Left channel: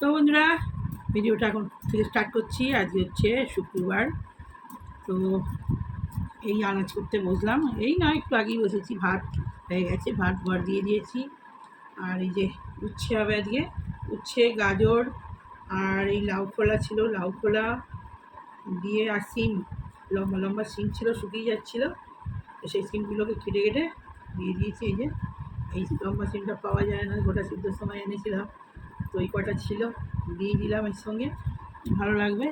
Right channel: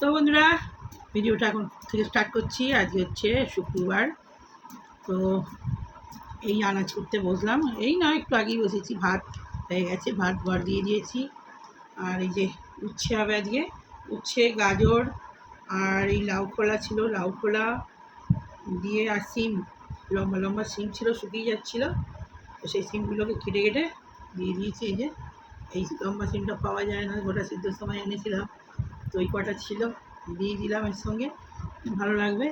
তো বন্ধুরা, ভিডিওটা এখন থেকে স্টার্ট করছি। আজকে হচ্ছে শুক্রবার। তো এই আনাজ করতে বসলাম, এই নয় একটু আগেই বসেছি। ভাত হয়ে গেছে, ভাত ঘর দিয়ে দিয়েছি। আর এই যে উচ্ছে হবে আজকে, উচ্ছে, গাজর আর এই লাউ খোলা ছিল, লাউ খোলা দিয়ে আর সিম, লম্বা লম্বা সিম ছিল, শুকিয়ে যাচ্ছিলো। তো সেই সিমগুলোকে কেটে কেটে দিয়ে দিয়েছি। এই যে এই লম্বা সিমটা পাওয়া যায় না, গোটা সিদ্ধর সময় এনেছিলাম, তো ওই কটা ছিল, দিয়ে দিলাম এর সঙ্গে। ভালো লাগবে,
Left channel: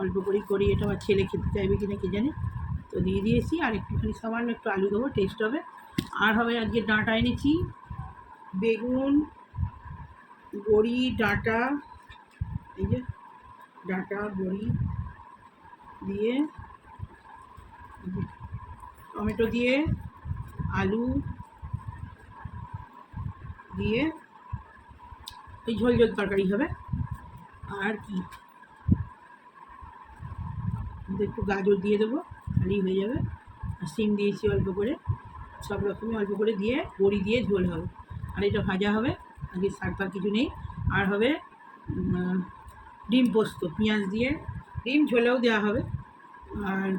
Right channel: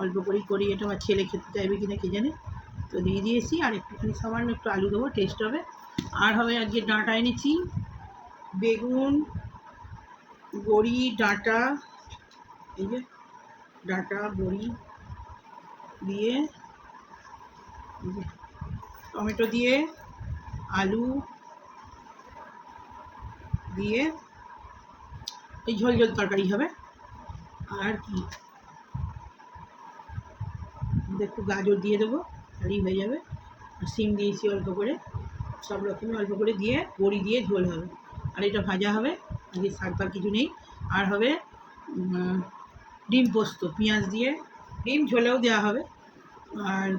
অল্প করেই করি এটা। আমার ছেলে খেতে চাইবে কিনা কে জানে, তো দিয়ে দিয়েছি। আর একটুখানি সামান্য একটু আলু দেবো, টেস্ট হবে। আর হবে আজকে ডাঁটা এনেছি, বেগুন, বড়ি, ডাঁটা, এই যে ডাঁটা বড়ি দিয়ে, টমেটো দিয়ে, আলু দিয়ে এই ঝোল ঝোল তরকারি হবে। আর কি, একটু গাজর দিয়ে দেবো, তাহলেই হয়ে যাবে। আর সিম দিয়েছি অল্প করে, সব রকমই অল্প করে দিয়ে বড়ি দিয়ে ঝোল হবে। আর এটা ভাজা হবে, আজকে শাক ফাক কিছু নেই। আর হবে ডিম পোস্ত, পেঁয়াজ দিয়ে, ডিম ঝোলেও দেওয়া হবে। আর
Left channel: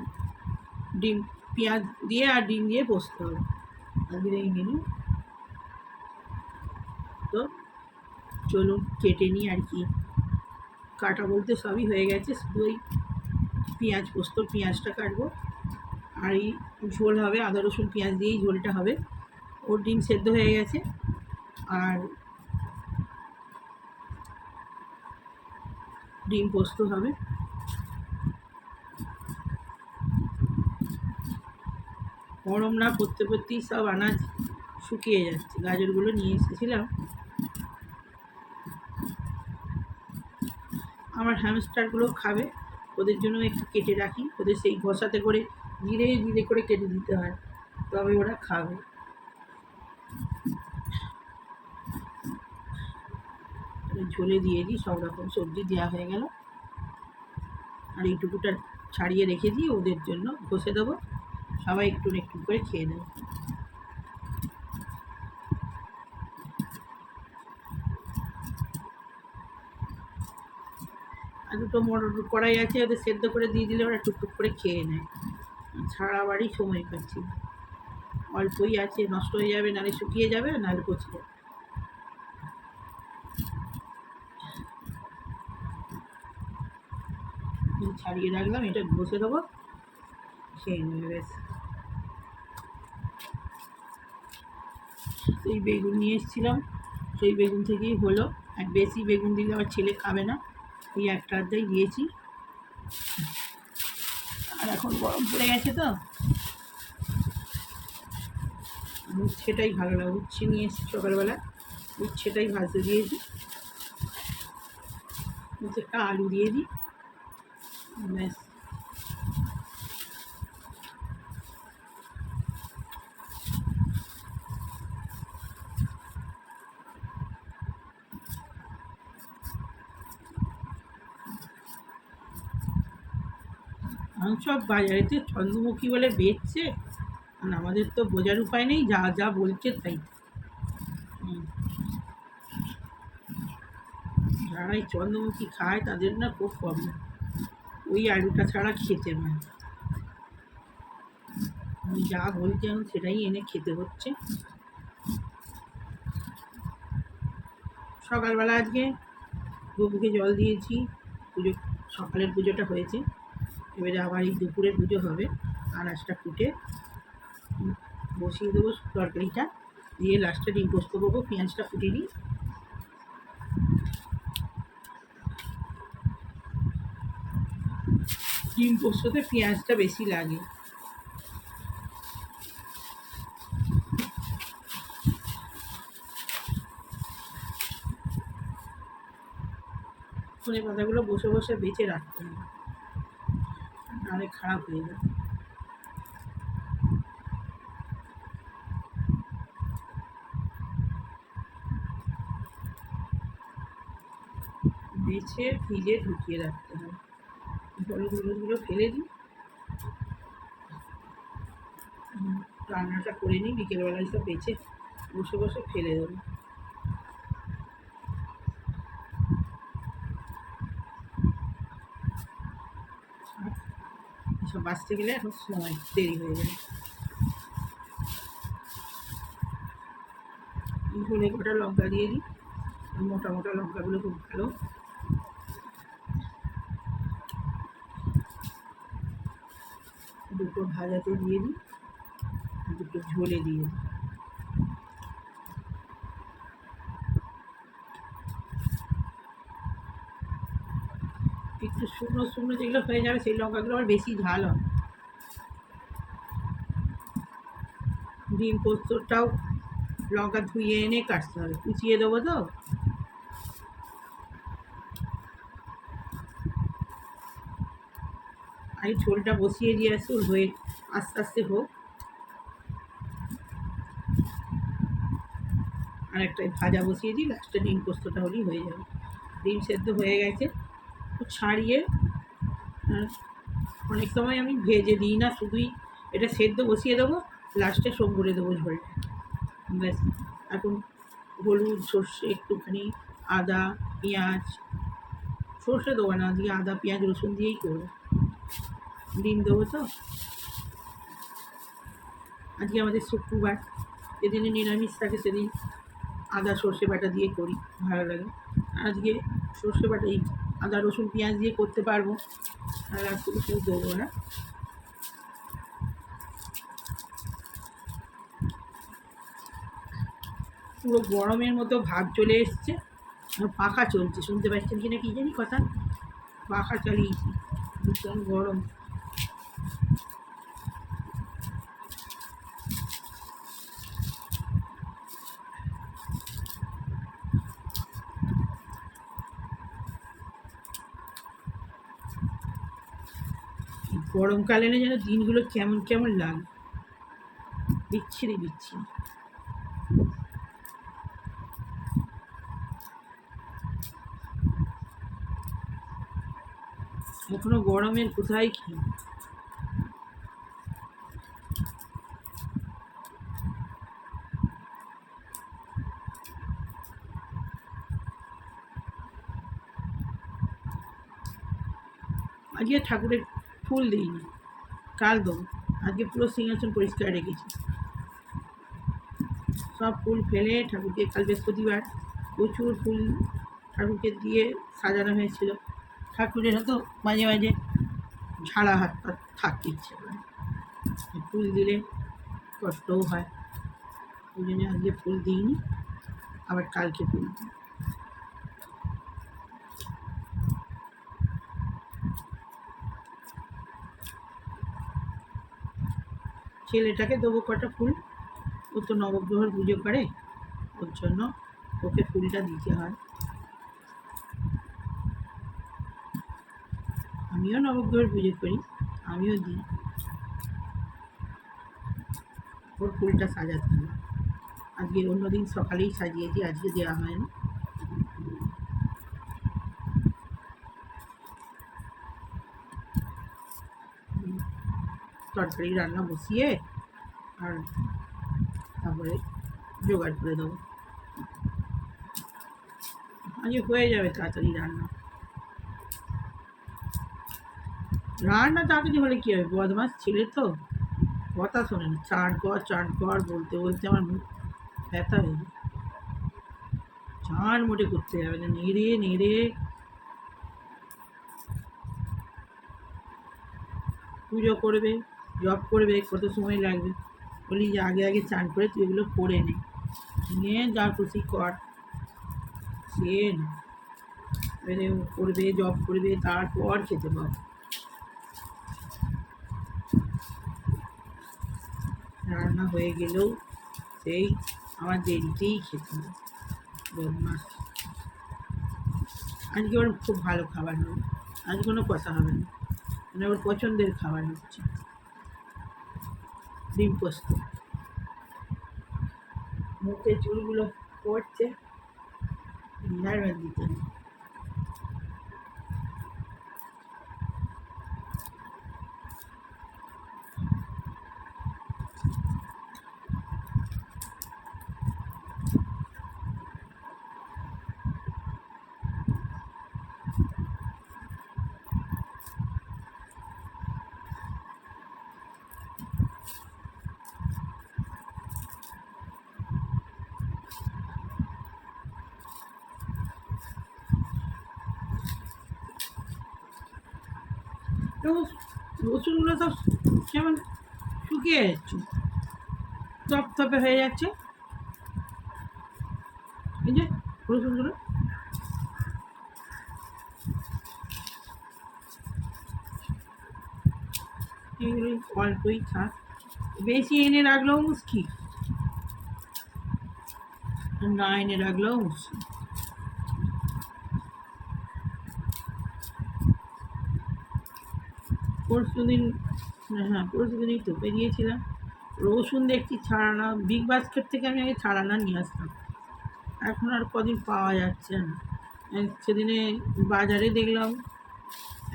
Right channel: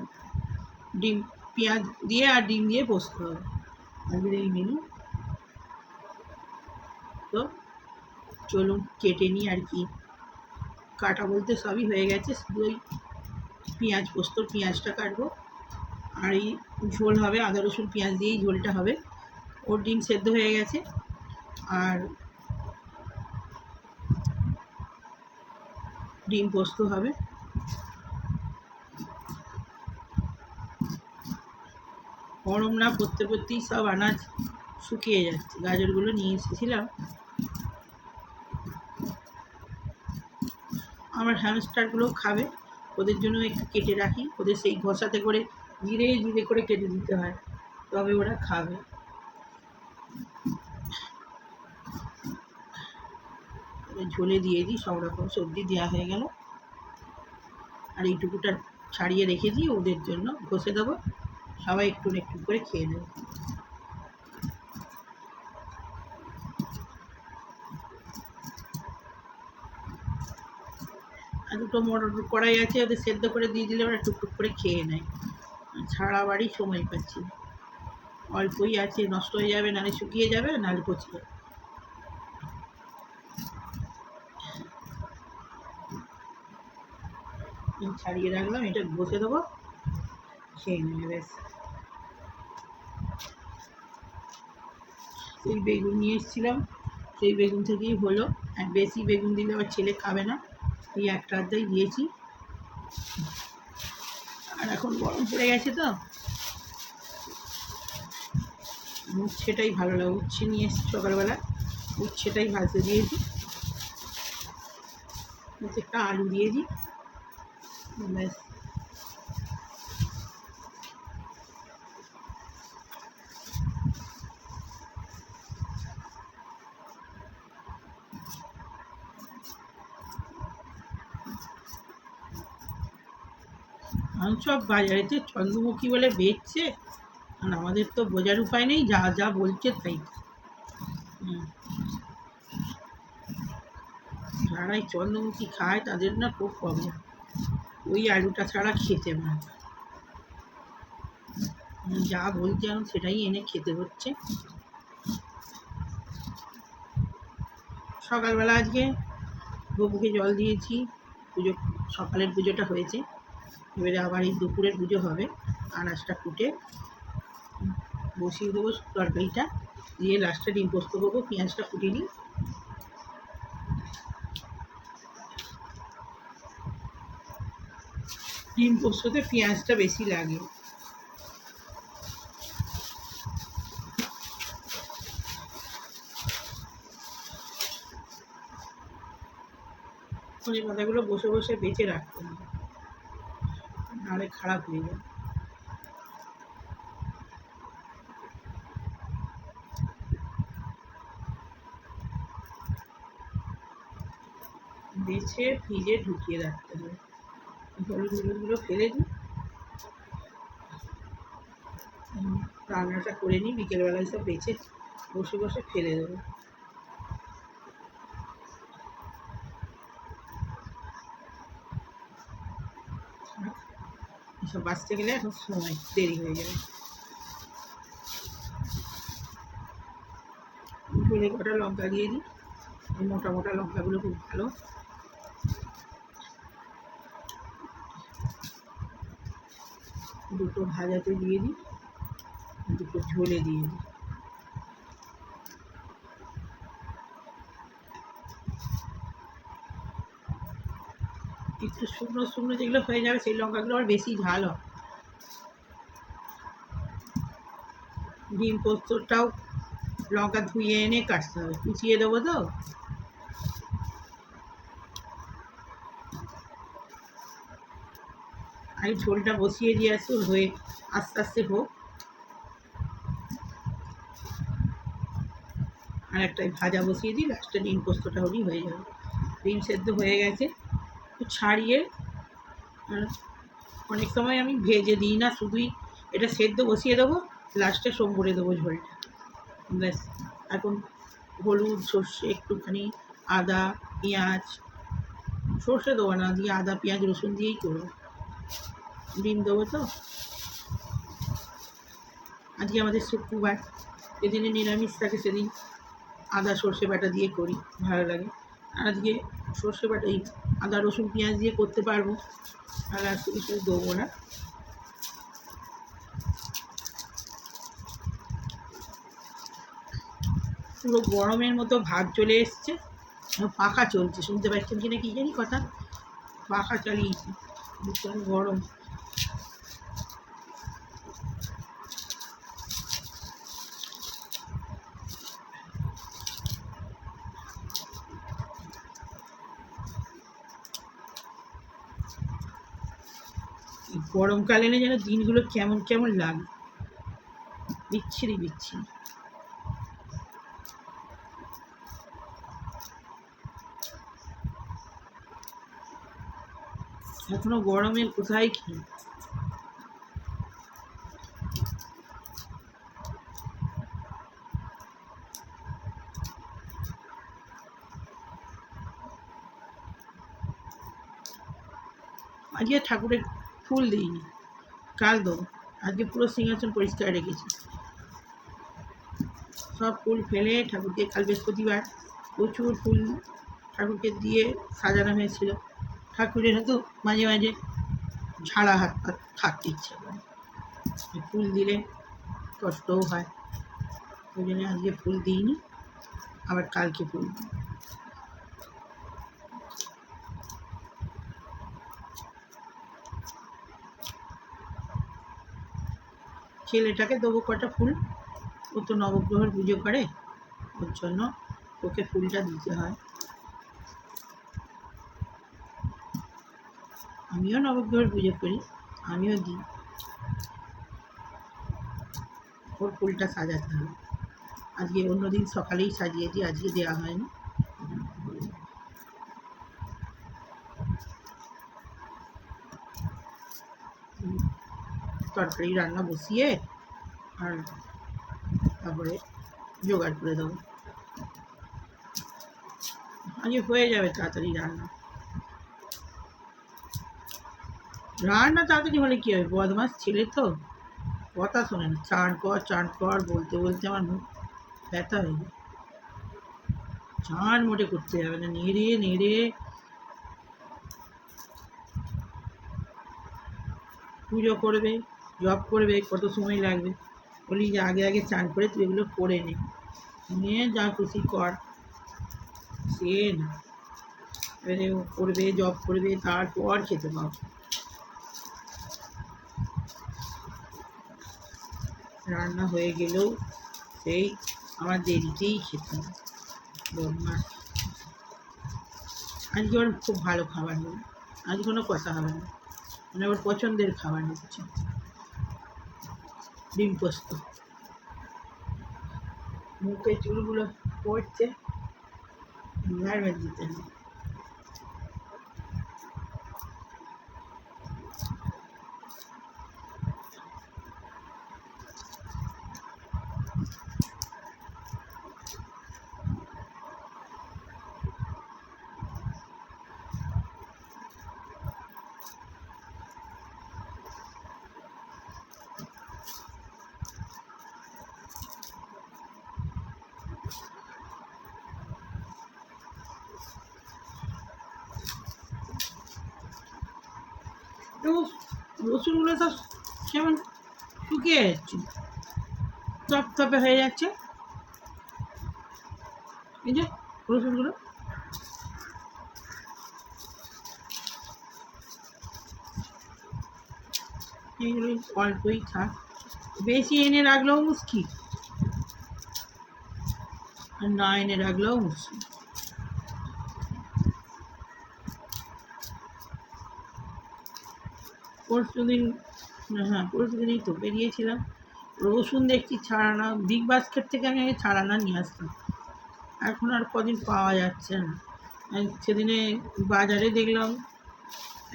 ডিম, পেঁয়াজ দিয়ে আর ডিম দিয়ে পোস্ত হবে আজকের এই মেনু। তো চলুন কেটে নিই। আর কি, কাটা বলতে সবই হয়ে গেছে, শুধু ওই পেঁয়াজ, পোস্তর পেঁয়াজটা কাটবো। আর এই ঝোল হবে, আদা রসুন পেঁয়াজ দিয়েই ঝোলটা হবে। ওর ডিম সেদ্ধ হয়ে গেছে। আর ডিম পোস্ত হবে। গরম না পড়তে পড়তেই সব আনাজ শুকিয়ে যাচ্ছে। গাজরগুলো নিয়ে এসেছিলাম, আমার হ্যামস্টারগুলো খাবে, ওদের জন্য একটু কেটে রাখি। ওদের সেই ঘষাতে করে জিরে জিরে করে কেটে দিতে হয়, তবে ওরা খাবে। ঝোলে দিয়ে দিই, সব রকম সবজি দেওয়া হয়ে গেল। আর এইটুকুটা ছাড়িয়ে রেখে দিই ওদের জন্য, ঘষে দেবো, সবাই একটু একটু করে খেয়ে নেবে। আর দুটো মোটর কড়াই আছে, ওদের সেদ্ধ করে দিয়ে দিলে ওরা টুকটুক করে খেয়ে নেয়। ছাড়া বাড়ি সময় পাচ্ছি না, অল্পই আছে, নষ্ট হয়ে যাবে, নাহলে শুকিয়ে যাবে, নাহলে পচে যাবে। ছাড়িয়ে রাখলাম, এটা ঘষে দেবো, খেয়ে নেবে ব্যাস। এই বেগুন নিয়ে এসেছিলাম, সেই বেগুন থেকেই হলো। আর বেশি বেগুন দিলে আবার ছেলে খাবে না, এই একটা আধটাই দিয়েছি। আর এখন গরম পড়ে গেছে তো উচ্ছেটাই ভালো লাগে। উচ্ছে নিয়ে এসেছি সকালবেলা, উচ্ছেটাই ভাজতে দিয়েছি। একটা আলু দিয়ে দিই, ব্যাস। সব বাজারেতে চন্দ্রমুখী বলে বেচছে, আর আমাদের তো বোঝার উপায় নেই, যা যা বলছে তাই। যারা এই চন্দ্রমুখী খায় তাদের না খুব প্রবলেম, ওই আলুটা ছাড়া খেতে পারে না। যা বলছে এখন সেটাই এনে খেতে হচ্ছে। সকালবেলা আজকে গপুকে জল দিয়েছি, পুজো, সকালের পুজোটা হয়েছে। এবারে আবার এই দুপুরের পুজো হবে। আনাজটা কুটে বসিয়ে দেবো, তরকারিটা দিয়ে লাস্টে ডিম পোস্ত করবো। পেঁয়াজটা ফুটে নিই। ডিম পোস্ততে পেঁয়াজটা বেশি লাগে। ধনে পাতাগুলো বসে বসে বেঁচে রাখতে হবে, নাহলে খারাপ হয়ে যাবে। বেছে ফ্রিজে ঢুকিয়ে রাখতে হবে। হলুদ হলুদগুলো ফেলে দিই, রান্নাটা করে নিই। বিকেলবেলায় সব বেছে বসে বসে ফেলে দেবো। সব বাঁচতে গেলে এখন সময় দেরি হয়ে যাবে। ঝোলে কটা লঙ্কা দিয়ে দিই, মোটা মোটা লঙ্কাগুলো খুব ভালো। দুটো ভাজাতে দিয়ে দিই, দুটো ঝোলে দিয়ে দিই। একটু শুকনো শুকনো যেগুলো হয়ে যাবে সেই লঙ্কাগুলো আবার বেশি ঝাল হয়। ডিম পোস্তটাও লঙ্কা ধুয়ে এনে কাটতে হবে, কুচিয়ে দেবো তো। আগে ঝোলটা বসিয়ে দিয়ে আসুন, হয়ে আস্তে আস্তে হোক। আর একটা ভাজা বসিয়ে দিই, লাস্টে ডিম পোস্তটা হলেই হয়ে যাবে। ডিম সেদ্ধ হয়ে গেছে, তো ছাড়িয়ে অনেক সময় আমি ভেজে দিই না, শুধুই এটা সেদ্ধ বসিয়ে দেবো, লাস্টে সব করে দেবো ঝোলটা। ব্যাস। এখন হলুদ, সর্ষে, একটুখানি আদা, পেঁয়াজ, সর্ষে দেবো না, দিয়ে আদা পেঁয়াজ রসুন দিয়েই করবো। ডিম দেবো তো। আজকে আমাদের শুক্রবার, যেদিনে নিরামিষ থাকে সেদিন আদা সর্ষে বাটা দিয়ে করি, ভালো লাগে। আজকে সর্ষে বাটা এই আদা রসুন পেঁয়াজ দিয়ে করতে পারবো, আর আজকে কিছু দেবো না। পুরো গরমের মতো ভাব চলে এসছে, পাখা চলছে, শুনতে পাচ্ছেন কিনা কি জানি কথা, পাখা চালিয়েছি, ভীষণ গরম। গরমকালে না যেন দিনগুলো কেমন কেমন লাগে, বিচ্ছিরি বিচ্ছিরি। এখনো গরমের কোথায় কি। আজকে ঠাকুরের ফুল দিইনি, কাল দেবো। আজকে পুরো সিংহাসন পরিষ্কার রেখেছি, সব ফুল ফেলে ঠাকুরকে, কাল বৃহস্পতিবার প্রচুর ফুল ঠাকুরকে দিয়ে সাজানো হয়েছিল। ঠাকুরের হয়তো মাঝে মাঝে ঝাড়া হাত পা থাকতে ইচ্ছে করে, ফুল দিলে কষ্টও হয়, ওই জন্য আজকে ফুল দিইনি, আবার কালকে ফুল দিই। ছেলেটাকে দেবো কটা ফুল, ও তো নবগ্রহের পুজো করে, ওর জন্য ওকে ফুলটা দিতে হয়। আমিও নবগ্রহের পুজো করি, আমিও দিই, ওর ফুলটা সাজাতে হবে। আজকে অন্যদিন সকালেই সাজিয়ে দিই, আজকে দেওয়া হয়নি। তরকারি রান্না বসিয়ে আর তারপরে জোগাড় করে দেবো, আজকে হয়ে যাবে তাড়াতাড়ি রান্না। রান্না তাড়াতাড়ি হলে কী হবে, বদমাস ছেলে তো, কথা শোনে না, চান কর বলতে বলতে আমার মুখ ব্যথা হয়ে যায়। চান মোটে করতে যাবে না, নেড়ে নেড়ে পুজো করবে, জব করবে, কত সময় লাগবে। বলি যে আগে আগে চান করে তুই এগুলো করে নে, নিয়ে যা খুশি কর, সে না, এবারে ও করবে, জব করবে, তারপর খেতে পাবো। রান্না হয়ে গেলেও সেই আমার দেরিতেই খেতে হবে, বদমাস। আজকে ওর খুব ভালো খাবার হবে, আজ কোনো কথা হবে না, মানে ওর পছন্দের খাবার হচ্ছে ডিম পোস্ত। মুখে চুলগুলো পড়ছে, হেয়ার দিতে হবে। রসুনগুলো সব কেমন শুকিয়ে যাচ্ছে, তপতপে হয়ে যাচ্ছে। এই যে রসুনগুলো এইগুলোই অল্পই থাক, বেশি এনে রাখলেও মুশকিল আর না এনে রাখলেও মুশকিল। পরশুদিন, হ্যাঁ পরশুদিনই তো বেরিয়েছিলাম, রসুন দেখছি ছাড়ানা, বিগ বাস্কেট থেকে আমি আগে ছাড়ানা নিয়ে আসতাম, এখন আর কদিন পাওয়া যাচ্ছে না। সেদিনে বাজারে দেখলাম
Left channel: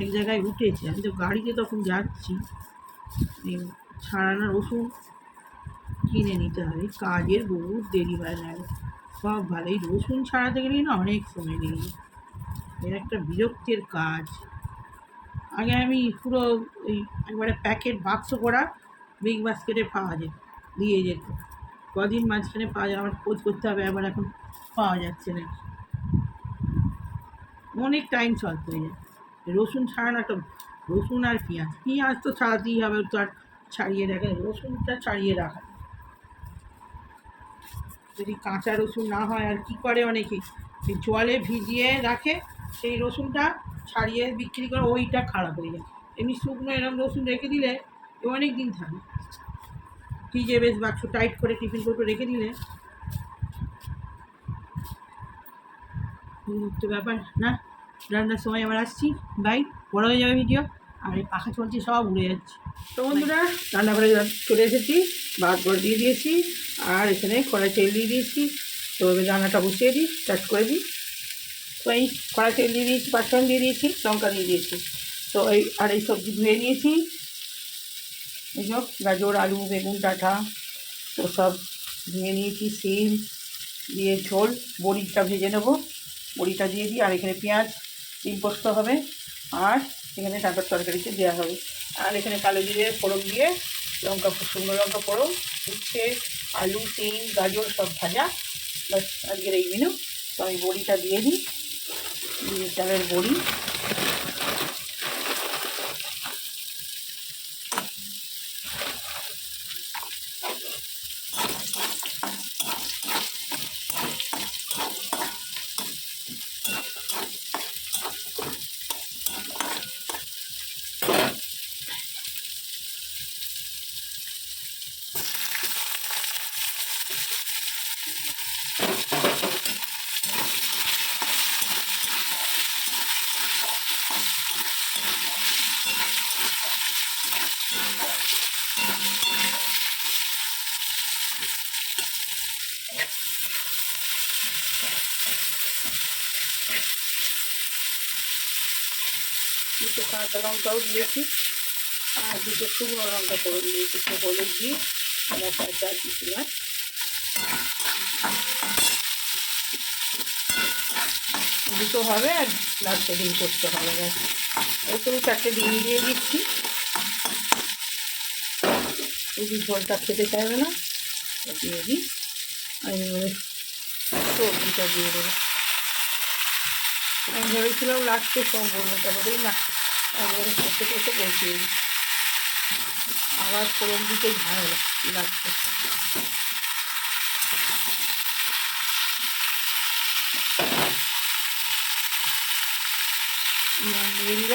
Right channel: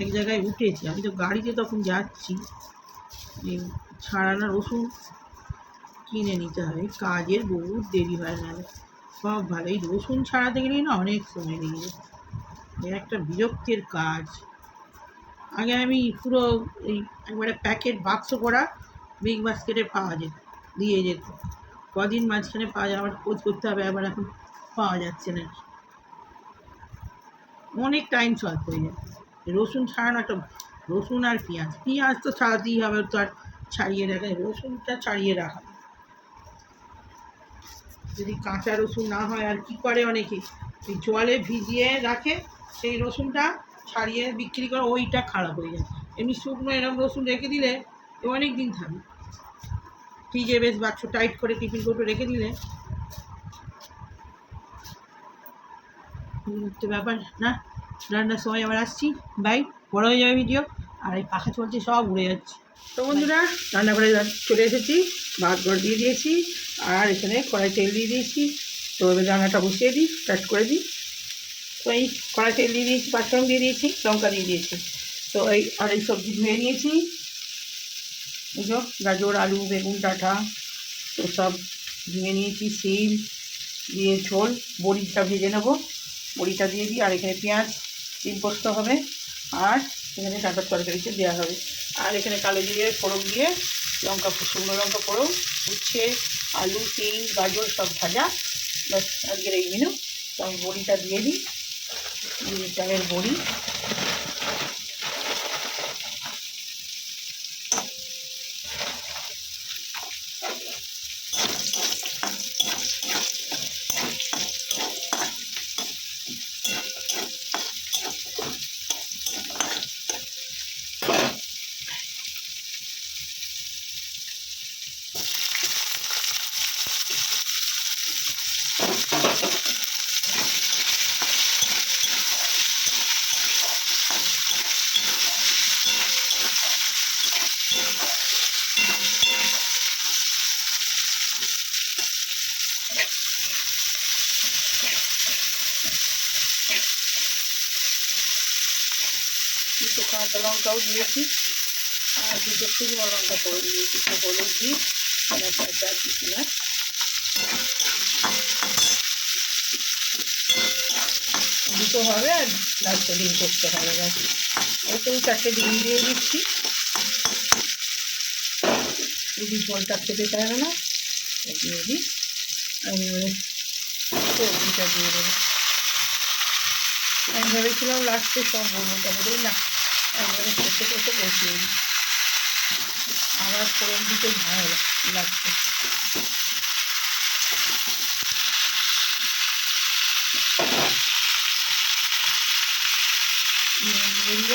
এক জায়গায় উঠেছে, আমি তো গাড়িতে তখন যাচ্ছি, এই ছাড়ানা রসুন কিনে নিতে হবে, কাজের বহুত দেরি হয় না, সব ভালো। এই রসুন ছাড়াতে গেলেই না অনেক সময় লেগে যায়, এর একটা বিরক্তির কাজ। আগে আমি পুরো এই একবারে প্যাকেট বাক্স করা বিগ বাস্কেটে পাওয়া যেত, দিয়ে যেত, কদিন মাঝখানে পাওয়া যায়, আমার খোঁজ করতে হবে, আবার এখন পাওয়া যাচ্ছে না, অনেক টাইম শর্ট হয়ে যায়। রসুন ছাড়ানো একটা, রসুন আর পেঁয়াজ, পেঁয়াজ তো ছাড়াতেই হবে, তো আর ছাড়িয়ে রাখা, রসুনটা ছাড়িয়ে রাখা, যদি কাঁচা রসুন না হয় আর কি করে অনেকে, এই জলে ভিজিয়ে রাখে, সেই রসুনটা ছাড়িয়ে বিক্রি করে, ওইটা খারাপ হয়ে যায়। এমনি শুকনো এরকম রসুন রেখে দিলে অনেক দিন থাকে, ফ্রিজে বেশ বাক্স টাইট করে টিফিন কৌটো রেখে দিলে, তো ব্যাপার না। রান্নার সময় আবার আসছি, বাই, বড় হয়ে যাবে ভিডিও, আর এই পাখা চলছে সব উড়ে যাচ্ছে। তো বন্ধুরা রান্না করে চলে এসেছি, ভাত গড় দিয়ে দিয়েছি, আর এখানে কড়াই তেল দিয়ে দিয়েছি। তো এবার রান্নাটা বসিয়ে দিই, স্টার্ট করে দিই। তো এই কড়াই তেল দিয়ে দিয়েছি, পাঁচফোড়ন দিয়ে দিয়েছি, লঙ্কা দিয়ে দিয়েছি। তো এই সবজি ধুয়ে নিয়েছি, এই সব গাজর আলু বেগুন ডাঁটা তো সব ধুয়ে নিয়েছি, সিম দিয়ে ঝোল, বড়িটা ভেজে নেবো, বড়িটা দিয়ে দিই, আর এখানে পেঁয়াজ ডিম পোস্ত হবে, আর এখানে ডাঁটার তরকারিতে দেওয়া হবে, আর এখানে কালো জিরে ফোড়ন দিয়ে লঙ্কা, শুকনো লঙ্কা ফোড়ন, উচ্ছে আলু সিম গাজর সব ভাজা, বাস আজকের এই মেনু। তো আমি বড়িটা দিয়ে দিই, দিয়ে চালের বড়ি, দুটো কাঁচা লঙ্কাও দিয়েছি, আর দুটো শুকনো লঙ্কা ফোড়ন দিয়েছি, একটু হলুদ দিই, মশলাটা দিয়েছিলাম, দুটো হবে আর লাস্টে ডিম করতে হবে, ব্যাস। ওই তো 4টে ডিম দিয়ে দিচ্ছি, যদি ঝোলটা খেতে চাইবে না দিয়ে দিই, আমি এবারে সবজিটা দিয়ে দেবো। আমি ভেবেছিলাম লাস্টে সব বলবো, তারপরেই না একবারে কষে কষে বসিয়ে দিই, আবার ফোড়ন দিতে ঝামেলা লাগছে। দিয়ে দিল,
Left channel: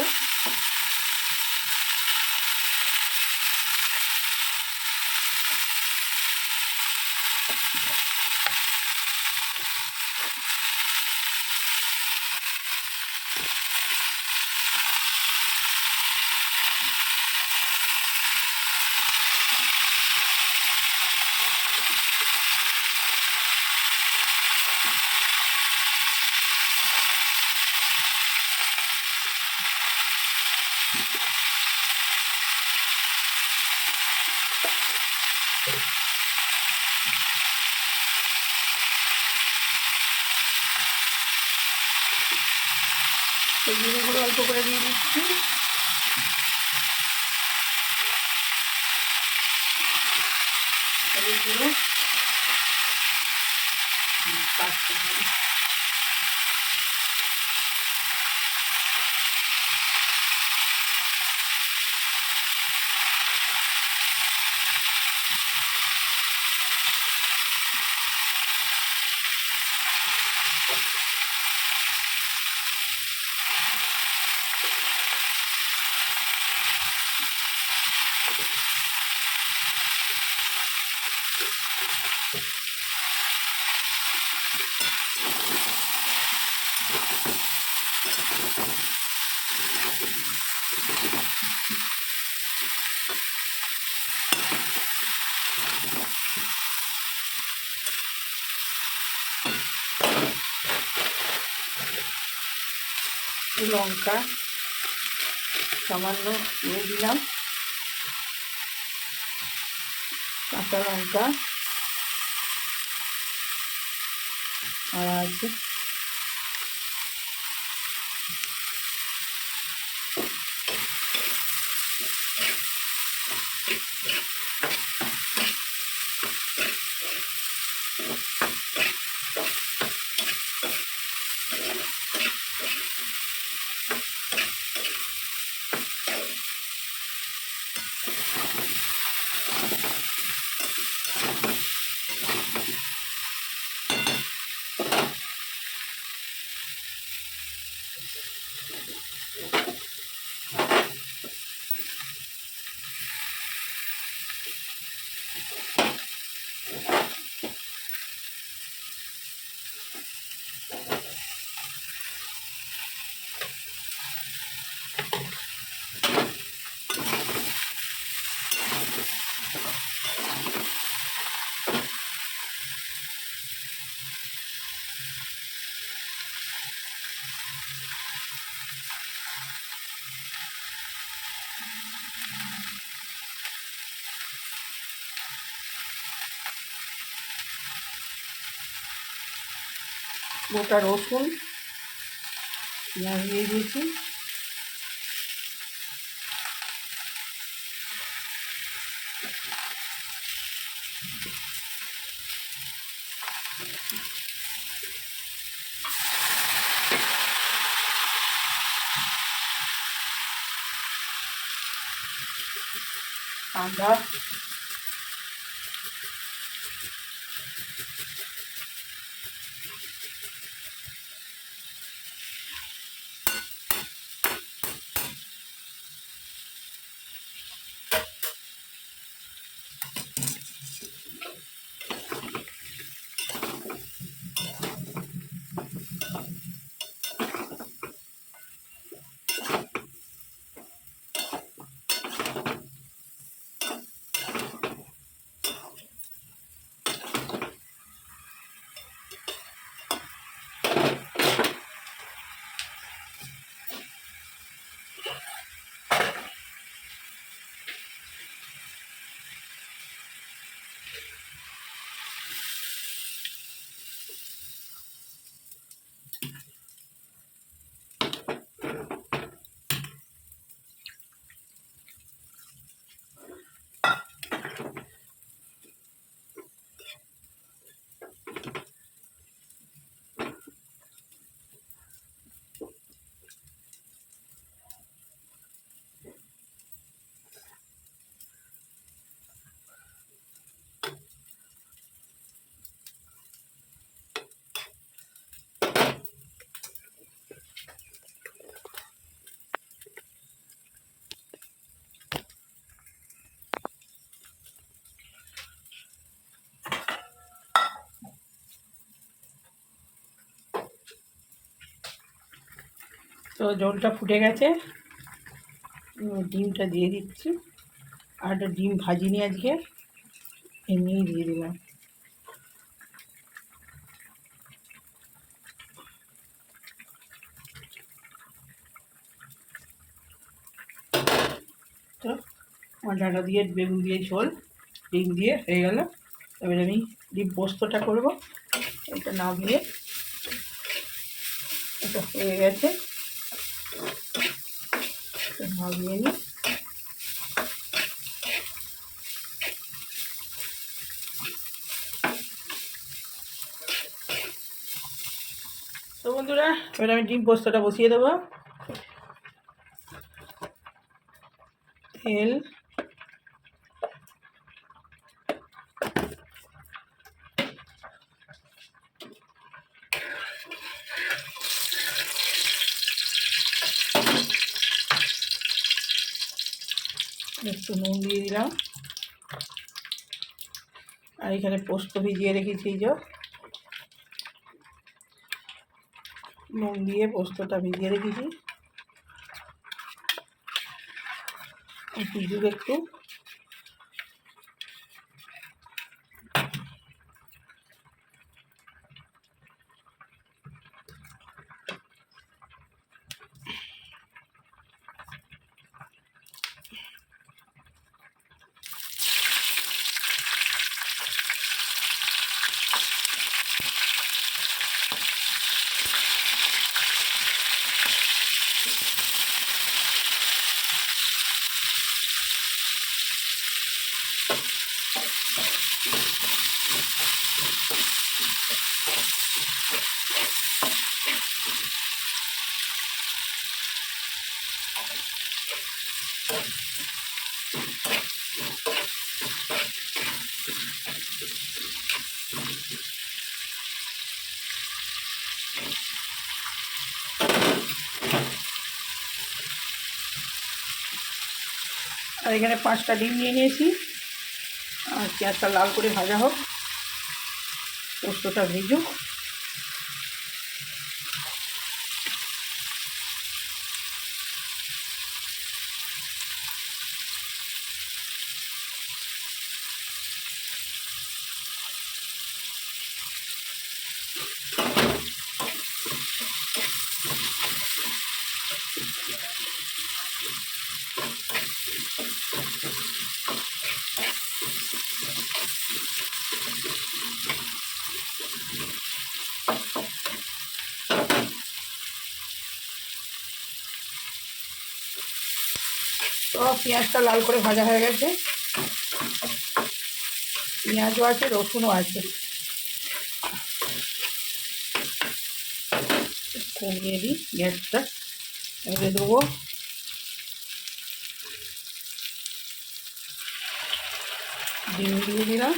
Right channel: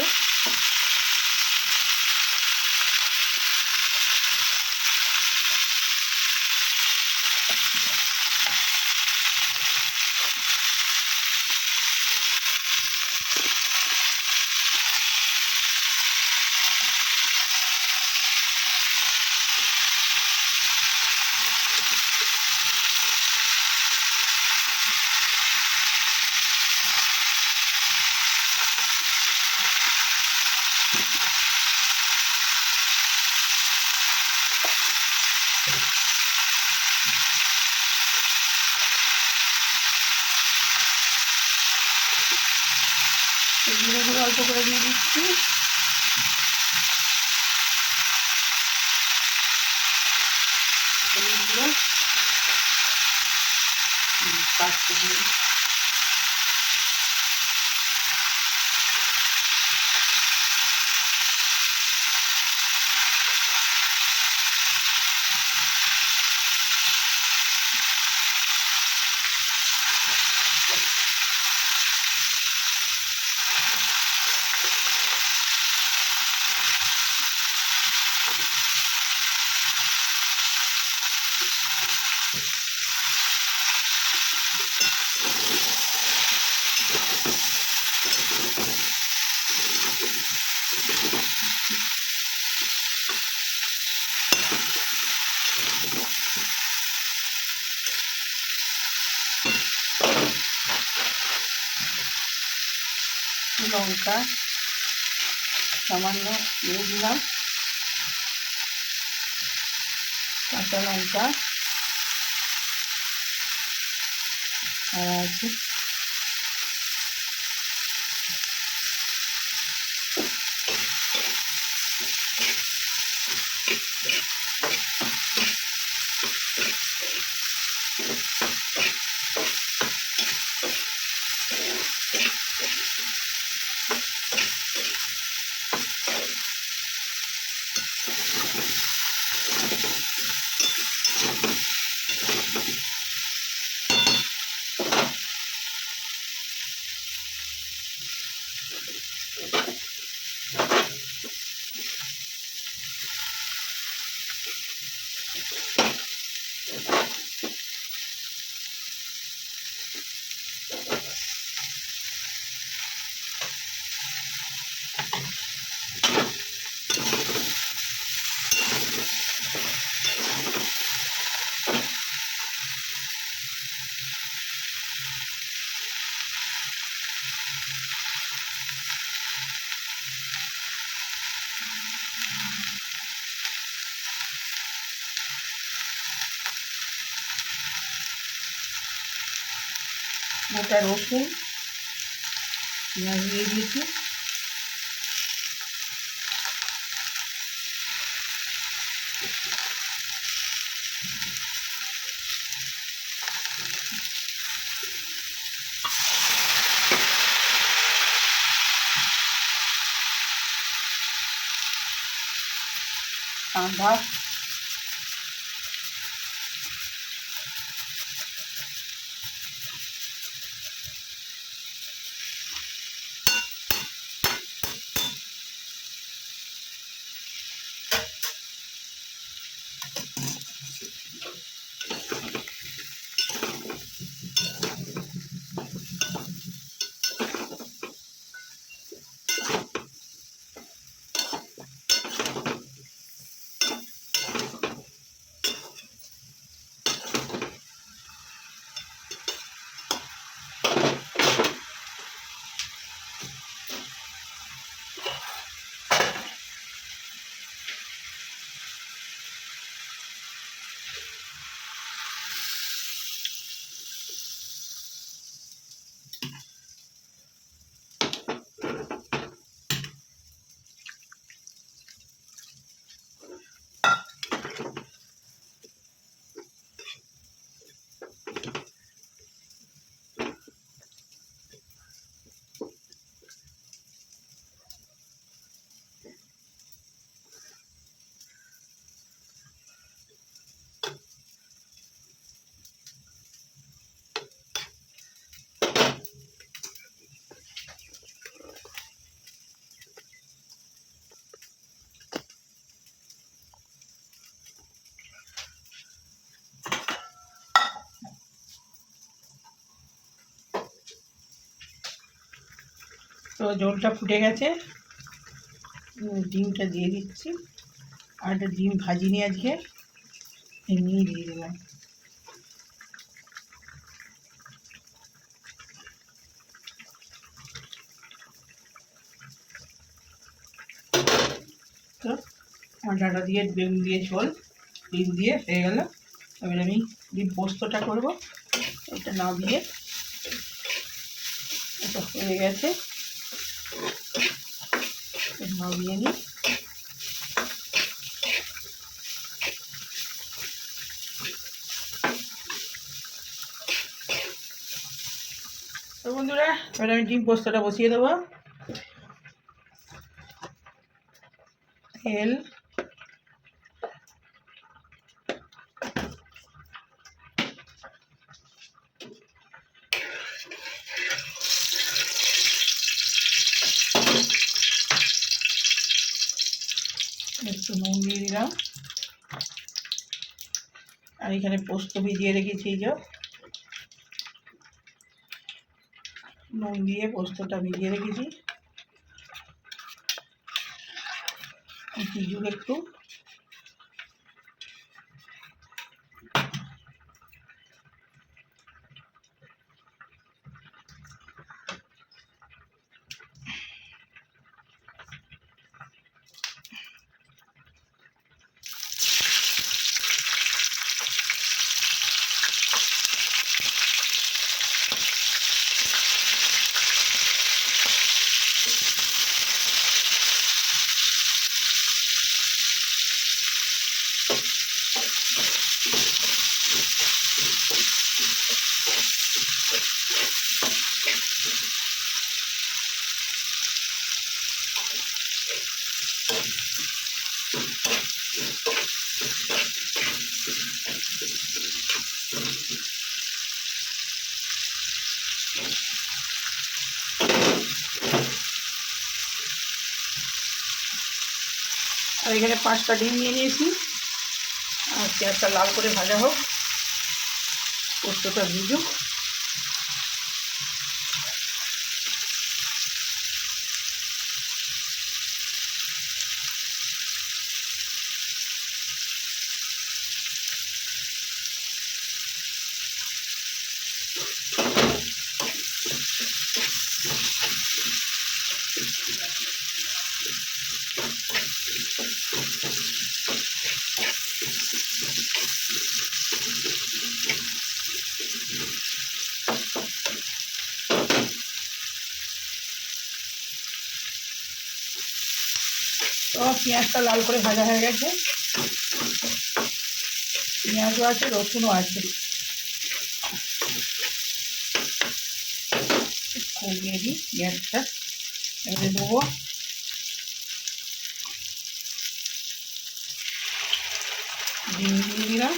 জিরেগুলো অল্প করে দিয়ে দিচ্ছি, এগুলো লঙ্কা সামান্য দিয়ে দিলাম, কাঁচা লঙ্কা আর আছে গোটা রসুন, পেঁয়াজ দিয়ে দিয়েছি, আদা, তো ঝোলটা ফুটে গেছে, ডিমটা দিয়ে দিচ্ছি। আর একটা ডিম ভাজিনি আজকে, এমনিই দিয়ে দিলাম। তো আমার ডাঁটা দিয়ে বেগুন দিয়ে ঝোল ডিম দিয়ে হয়ে গেল। এবার আমি ডিম পোস্তটা করব। এটা নামিয়ে, এটা হয়ে গেছে, নামিয়ে নিই। তো বন্ধুরা, এবার আমি ডিম পোস্তটা বসিয়ে দেবো। তেল, একটু নুন দিয়ে দিলাম, আর এখানে পোস্ত ভিজিয়ে রেখেছি, এই যে নুন দিয়ে পোস্তটা ভিজিয়ে রেখেছি। ভিজুক একটু, আর এখানে 5টা ডিম নিয়ে নিয়েছি। আর পেঁয়াজটা লাল করে ভাজা হোক, পোস্তটা ভিজুক। তো পেঁয়াজটা লাল করে ভাজা হয়ে গেছে, পেঁয়াজও আছে, রসুনও আছে। কমিয়ে দিই গ্যাসটা, এবারে দেবো ডিম দিয়ে দিলাম।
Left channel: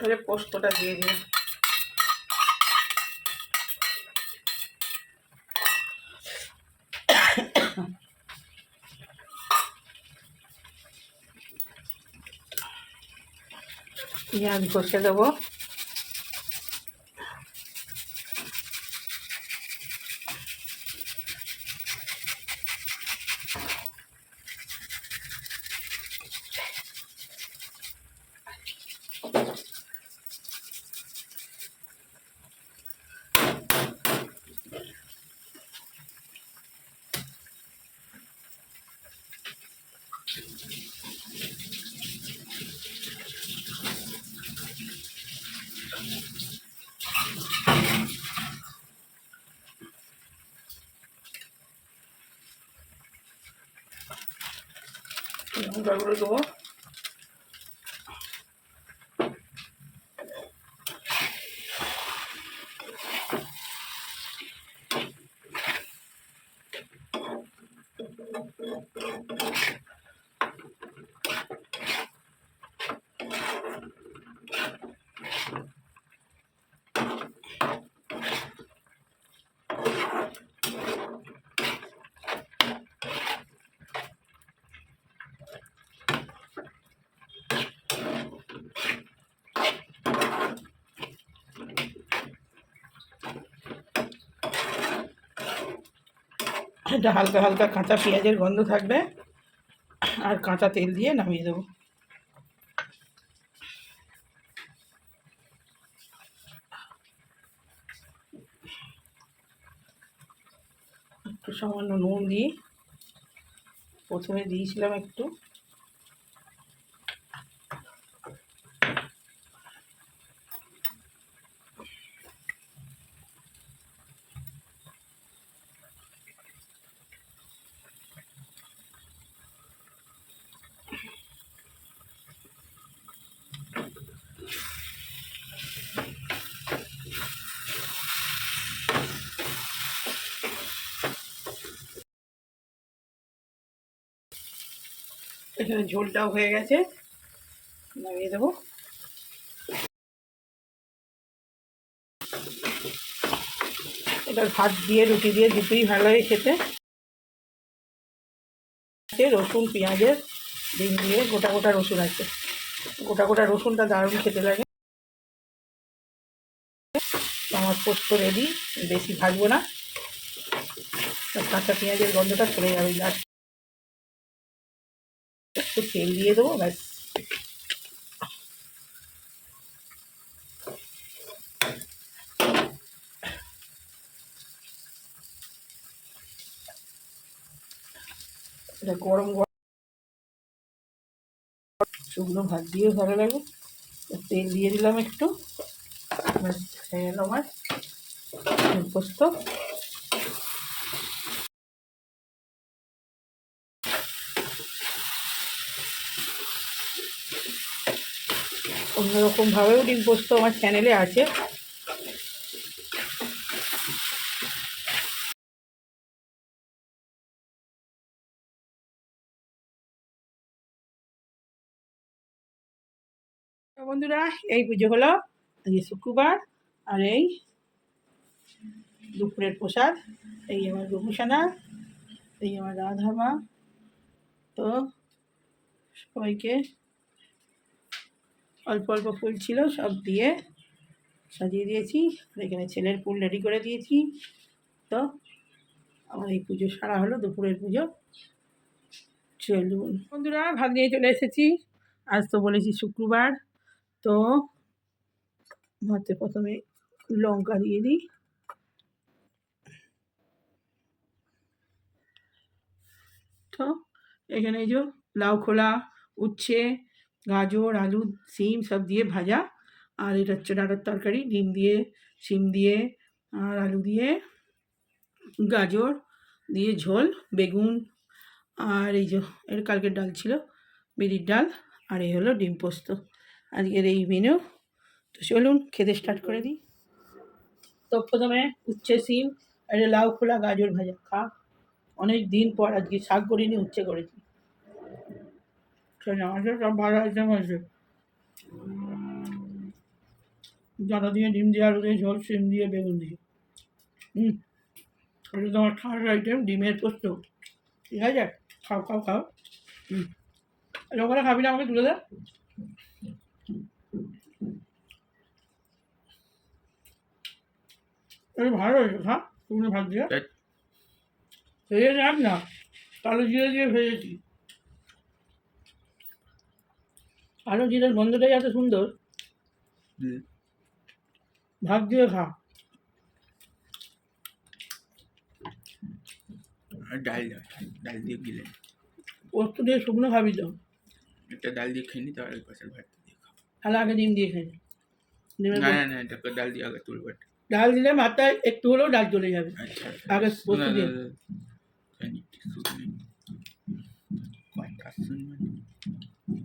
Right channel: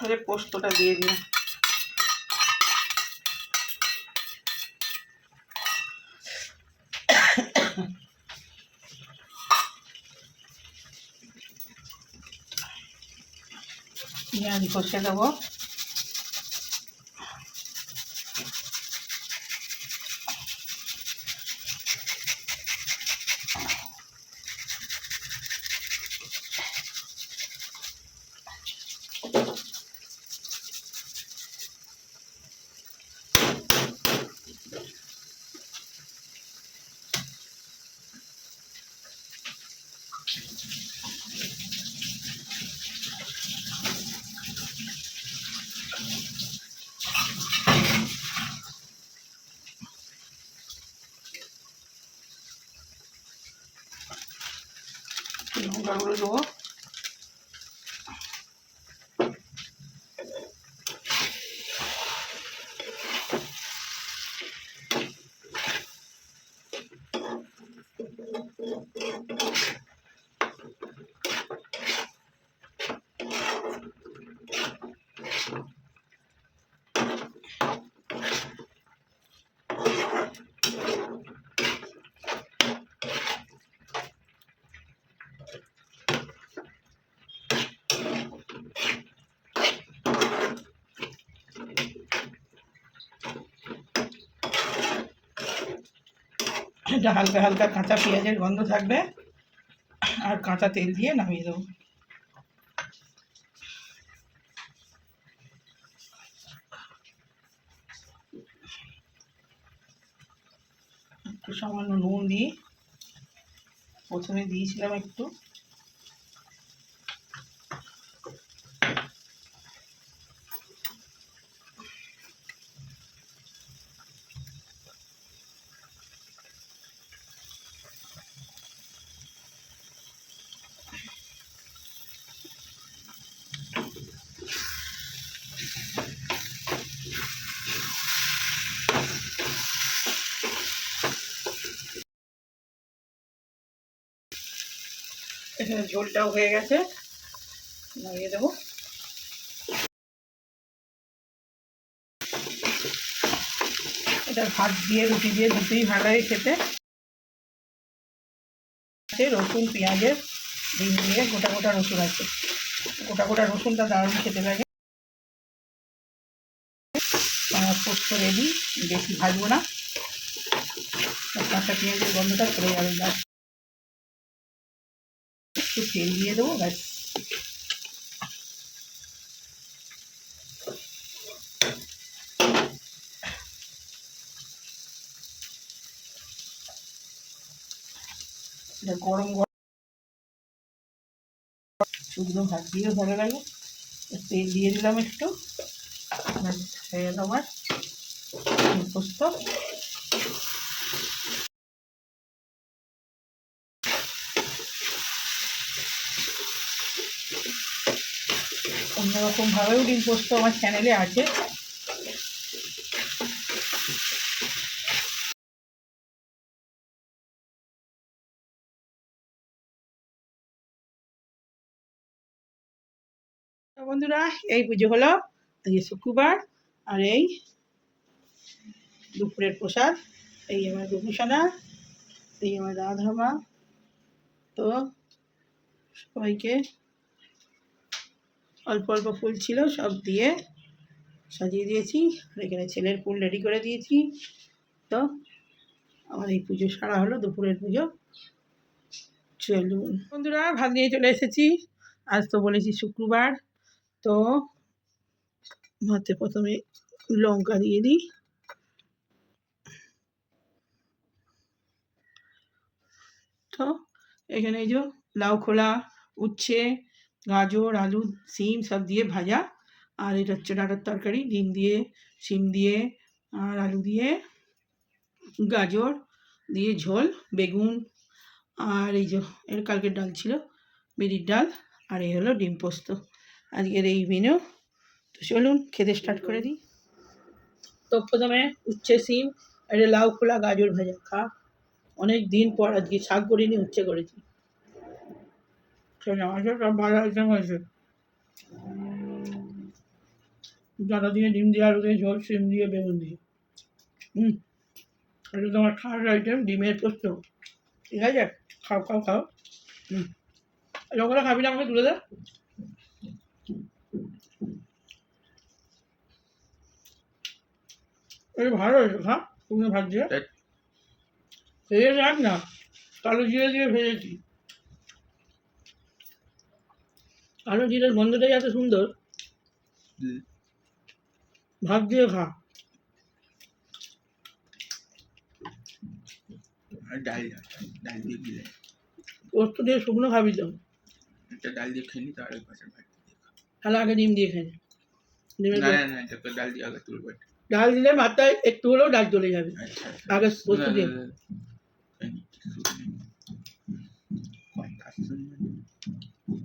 তাহলে পোস্তটা দিয়ে দিই। পেঁয়াজ কষে দেবো। লঙ্কাগুলো দেবো। এটা হালকা হালকা কাঁচা পেঁয়াজের গন্ধ থাকবে, আর কাঁচা তেল দিয়ে নামিয়ে দেবো। একটু সামান্য নুন দিই, প্রথমে দিয়েছিলাম একটু। এখানে ঝোলটাও হয়ে গেছে, নামিয়ে দেবো। এটা ভাত দিয়ে রুটি দিয়ে দুটোই ভালো লাগে খেতে। রসুন পেঁয়াজের ডিম দিয়ে, গোটা গোটা রসুন আছে, গোটা গোটা রসুনটা দারুণ খেতে লাগে। আমার পোস্ত রেডি, বেশি ভাজবো না, কাঁচা পেঁয়াজের গন্ধটা চলে যাবে। জাস্ট একটু তেল দিয়ে দেবো, ব্যাস। এটা গরম গরম শুকনো ভাত দিয়েও ভালো লাগে। তেল দিয়ে দিলাম একটু, ব্যাস হয়ে গেল আমার পোস্ত। অন্যরকমভাবেও ডিম পোস্ত আমার চ্যানেলে আছে। বন্ধুরা, এই পুজো হলো, আজকে শুক্রবার, আর এই দুপুরের প্রসাদ। এই আমার গোপুসানা, এই আমার রাধা মা। তো সবাইকে অল্প অল্প ফুল ছিল, সব দিয়ে সাজিয়ে দিয়েছি, আর এখানে ছেলের ফুল রেডি করে দিয়েছি। তো আমার এই পুজো সারা হলো, দুপুরের পুজো। চলুন বন্ধুরা, ভাত নিয়ে চলে এসেছি। আজ তো বলেছি শুক্রবার, তো ভাতে প্রথমে লঙ্কা দিয়ে দিই। তো এখানে এই যে লাউ খোলা, উচ্ছে, গাজর, আলু, সিম সব দিয়ে ভাজা। আর এটা হচ্ছে ডাঁটার তরকারি, ডিম দিয়ে, সিম দিয়ে, আর আলু দিয়ে, গাজর দিয়ে ঝোল, বেগুন, আর এই যে এর কালকের ডাল ছিল, বিরির ডাল, আর এই হলো ডিম পোস্ত, আজকের এই মেনু। তো চলুন খেতে স্টার্ট করে দিই। তো প্রথমে উচ্ছে, সিম, আর লাউ খোলা, গাজর ভাজা খা। অনেক দিন পর আজকে শাক করিনি, উচ্ছে করেছি। আমাদের সব ভালো আইটেম হয়েছে, ডাঁটা দিয়ে, ডিম দিয়ে, আলু দিয়ে ঝোল, সিম দিয়ে, বেগুন দিয়ে। এটা তোমার খাওয়ার আইটেম, ডিমের পোস্ত। ঠিক আছে, খাও খাও খাও। যখন খাবি না আমাকে তুলে দে। এটা ভালো হয়েছে, খা। তুমি ভাত দিয়ে ভেজে রাখ না, কালো জিরে দিয়ে ভেজেছি। কালো জিরের গন্ধটাই এত সুন্দর, ভাত দিয়ে খা। ডাল ডাল দিয়ে গিলে পোস্ত দিয়ে শুকনো খাবি তো, একটা ডাল দিয়ে খেয়ে নি, তাহলে পাশের ভাত দিয়ে খাও। তাহলে আগে ডিম দিয়ে খাই, ডিমের না না না, এটা তো ডাল দিয়ে আগে তুলবে। ডাল দিলে মাথায় একটু হলেও ডাল চলে যাবে। আচ্ছা আগে পোস্ত দিয়ে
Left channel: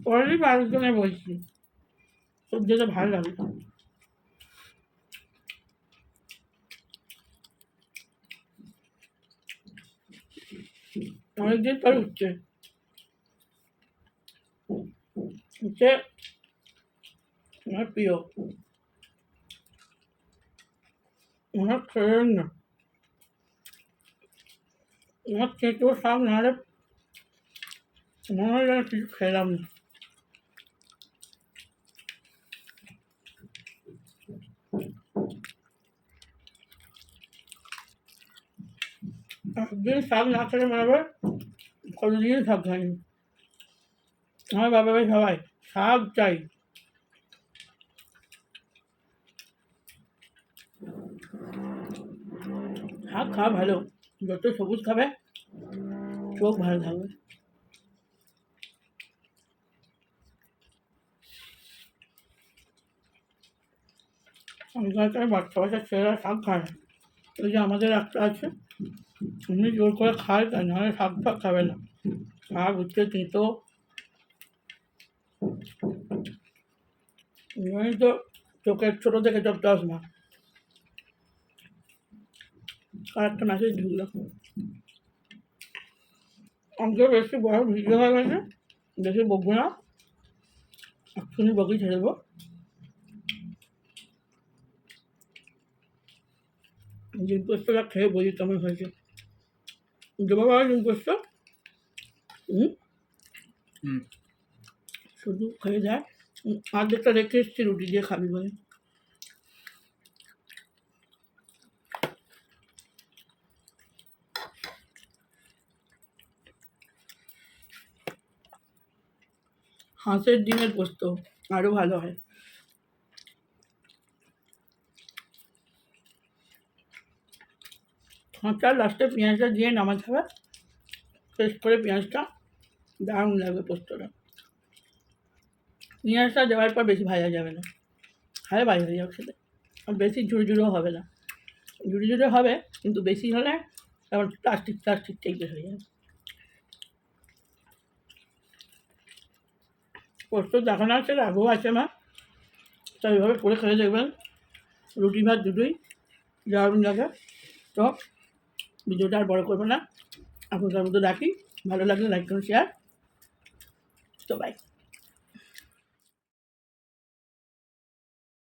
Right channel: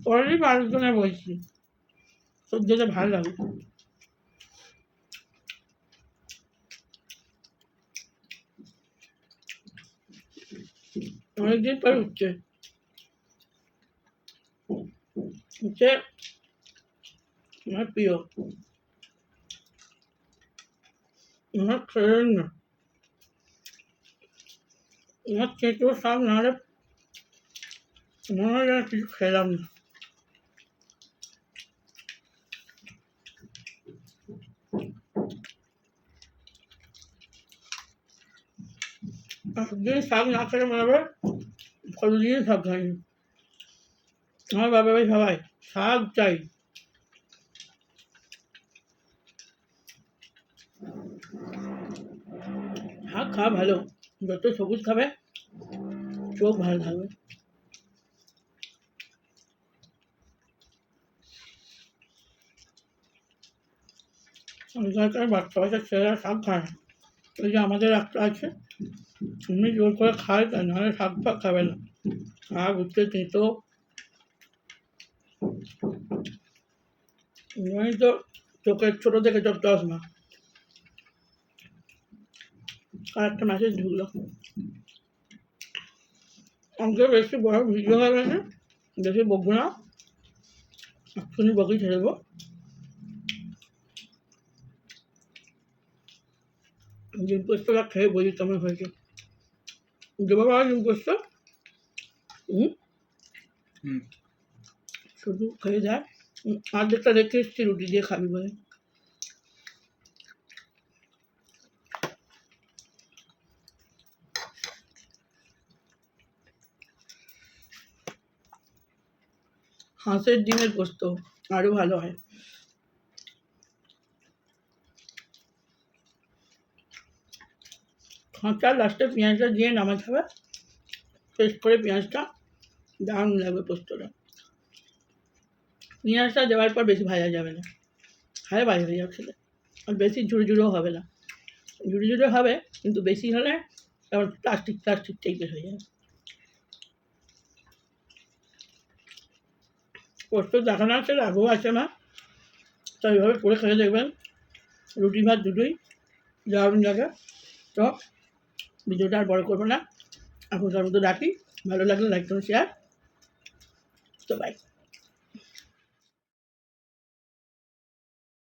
অলরেডি মানুষজনে বলছি, তোর যেটা ভালো লাগে। অনেকদিন পর উঠছে উঠছে আমার প্রিয়, আমার খেলেন না, আমার চেঁচো শাক নাহলে মনে হয় যেন কিছু খেলাম না। একদিন শাক না খেলে মনে হবে কতদিন শাক খাইনি। আমার বাবা ভাই সবাই শাক চাই। শাক খাওয়া ভালো, যত সবুজ খাবে চোখ ভালো থাকবে। আগেকার বাচ্চা বাচ্চা ছেলেরা শাক খায়, ওই যে আমাদের একটা আছে, এমনি জোর করে খায়, তাই নাহলে শাক ফাক খাবে না। শাক হচ্ছে তেঁতো, এই তো চোখের ছোটো থেকে সব চশমা। আর একটা মেসেজ ঢুকলো, অঙ্কে বেশি বড় ভিডিও হয়ে গেছে, বেশি বকবো না, এক্ষুনি বকেই ছেড়ে দেবো। ডিম পোস্তটা খেয়ে বলি কেমন হয়েছে। দেবো বাবা ডিম পোস্ত? হুম শুধু খেয়ে দেখ। অর্ধেকটা রেখে এসেছি রুটি দিয়ে খাবি বলে। হাঁসের ডিমের পোস্ত আরও ভালো হয়। হাঁসটা লাস্টে পেঁয়াজটা দিয়ে নামাতে হবে, পেস্ট করে পেঁয়াজটা, দারুণ লাগবে পোস্তটা। পেঁয়াজটা দেওয়ার পর বেশি ভাজা যাবে না, খালে ভাজা হয়ে যাবে খেতে। আর বেশি ঝুড়ো ঝুড়ো হবে না, ঝুড়ো ঝুড়ো হবে কিন্তু বেশি হলে তখন প্লাস্টিক প্লাস্টিক টাইপের হয়ে যাবে। পোস্ত দেখানো আছে, রাগও আছে মা, তো এইভাবে করে খেয়ে দেখবেন, রুটি ভাত দুটোই দারুণ লাগে। তো ভিডিওটা আর বড় করবো না, এখনকার মতো রাখি। ভালো লাগলে লাইক করুন, শেয়ার। তো বাই।